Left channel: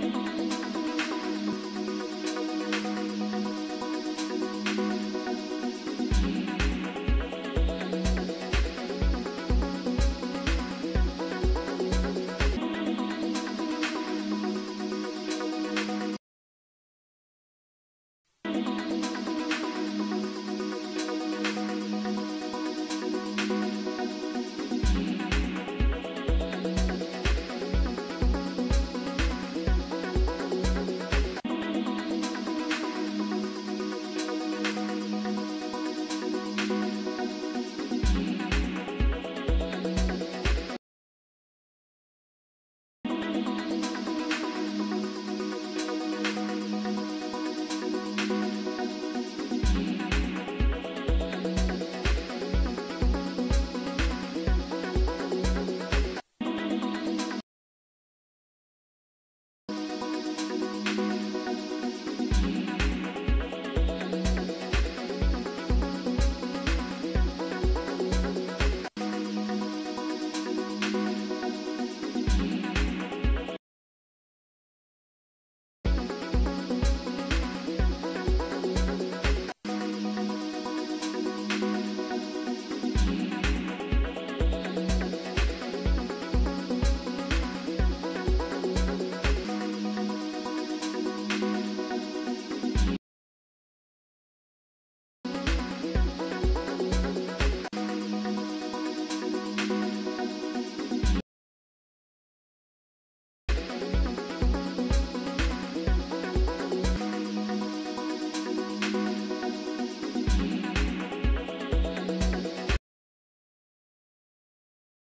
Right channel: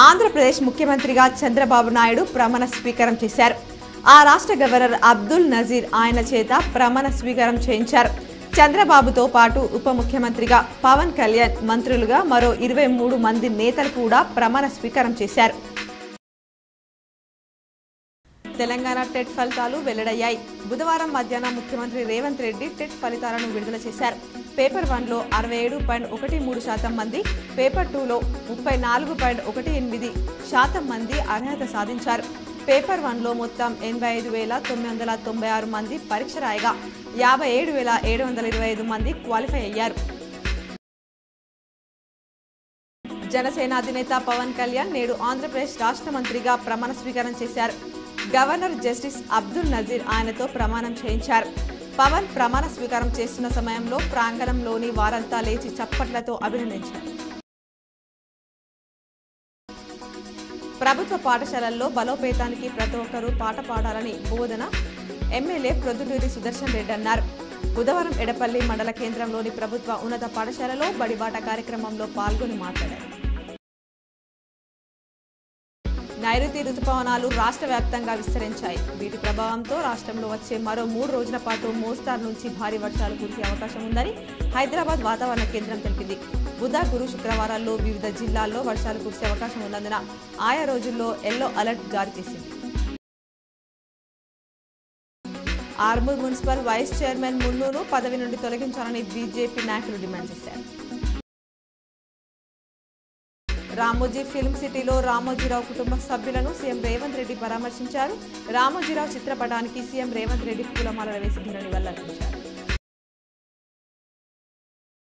ఆంధ్రప్రదేశ్ ముఖ్యమంత్రిగా చంద్రబాబు నాయుడు ప్రమాణ స్వీకారం చేశారు. ఆ రాష్ట్ర గవర్నర్ అబ్దుల్ నజీర్ ఆయన చేత ప్రమాణ స్వీకారం చేయించారు. చంద్రబాబుతో పాటు ఉప ముఖ్యమంత్రిగా పవన్ కళ్యాణ్, మంత్రులుగా మరో 23 మంది నేతలు కూడా ప్రమాణ స్వీకారం చేశారు. తెలంగాణ టెట్ ఫలితాలు వెల్లడయ్యాయి. బుధవారం మధ్యాహ్నం ముఖ్యమంత్రి రేవంత్ రెడ్డి టెట్ ఫలితాలను విడుదల చేశారు. పేపర్ 1లో 67.13% మంది, పేపర్ 2లో 34.18% మంది అర్హత సాధించారు. పేపర్ 1లో మొత్తం 85,996 మంది పరీక్ష రాయగా 57,725 మంది క్వాలిఫై అయ్యారు. జనసేన అధినేత పవన్ కళ్యాణ్ నేడు ఆంధ్రప్రదేశ్ రాష్ట్ర మంత్రిగా ప్రమాణ స్వీకారం చేశారు. గవర్నర్ జస్టిస్ అబ్దుల్ నజీర్ ఆయనతో ప్రమాణం చేయించారు. పవన్ ప్రమాణ స్వీకారం చేస్తున్న సమయంలో ప్రాంగణంలోని వారంతా లేచి చప్పట్లతో అభినందించారు. ప్రభుత్వ పాఠశాలల్లో బలోపేతానికి ప్రతి ఒక్కరూ పాట పాడాలని బోధన ఎమ్మెల్యే ప్రొద్దుటూరి సుదర్శన్ రెడ్డి అన్నారు. బుధవారం ఎడపల్లి మండల కేంద్రంలోని ప్రభుత్వ ఉన్నత పాఠశాలలో బడిబాట కార్యక్రమంలో పాల్గొని మాట్లాడారు. నైరుతి రుతుపవనాలు రాష్ట్ర వ్యాప్తంగా విస్తరించాయి. వీటి ప్రభావంతో రాష్ట్రంలో వచ్చే మరో 3 రోజుల పాటు మోస్తరు నుంచి భారీ వర్షాలు కురిసే అవకాశం ఉందని హైదరాబాద్ వాతావరణ కేంద్రం తెలిపింది. బుధ, గురు, శుక్రవారాల్లో వివిధ జిల్లాల్లో వర్షాలు కురిసే అవకాశం ఉన్నందున ఆయా రోజుల్లో ఎల్లో అలర్ట్ జారీ చేసింది. ఆర్మూర్ మున్సిపల్ వైస్ చైర్మన్ మున్నూను పదవి నుండి తొలగించాలని బీజేపీ నాయకులు డిమాండ్ చేశారు. రామోజీ ఫిల్మ్ సిటీలో రామోజీరావు కుటుంబ సభ్యులను సీఎం రేవంత్ రెడ్డి పరామర్శించారు. రామోజీరావు చిత్రపటానికి సీఎం రేవంత్ రెడ్డి పూలమాలలు వేసి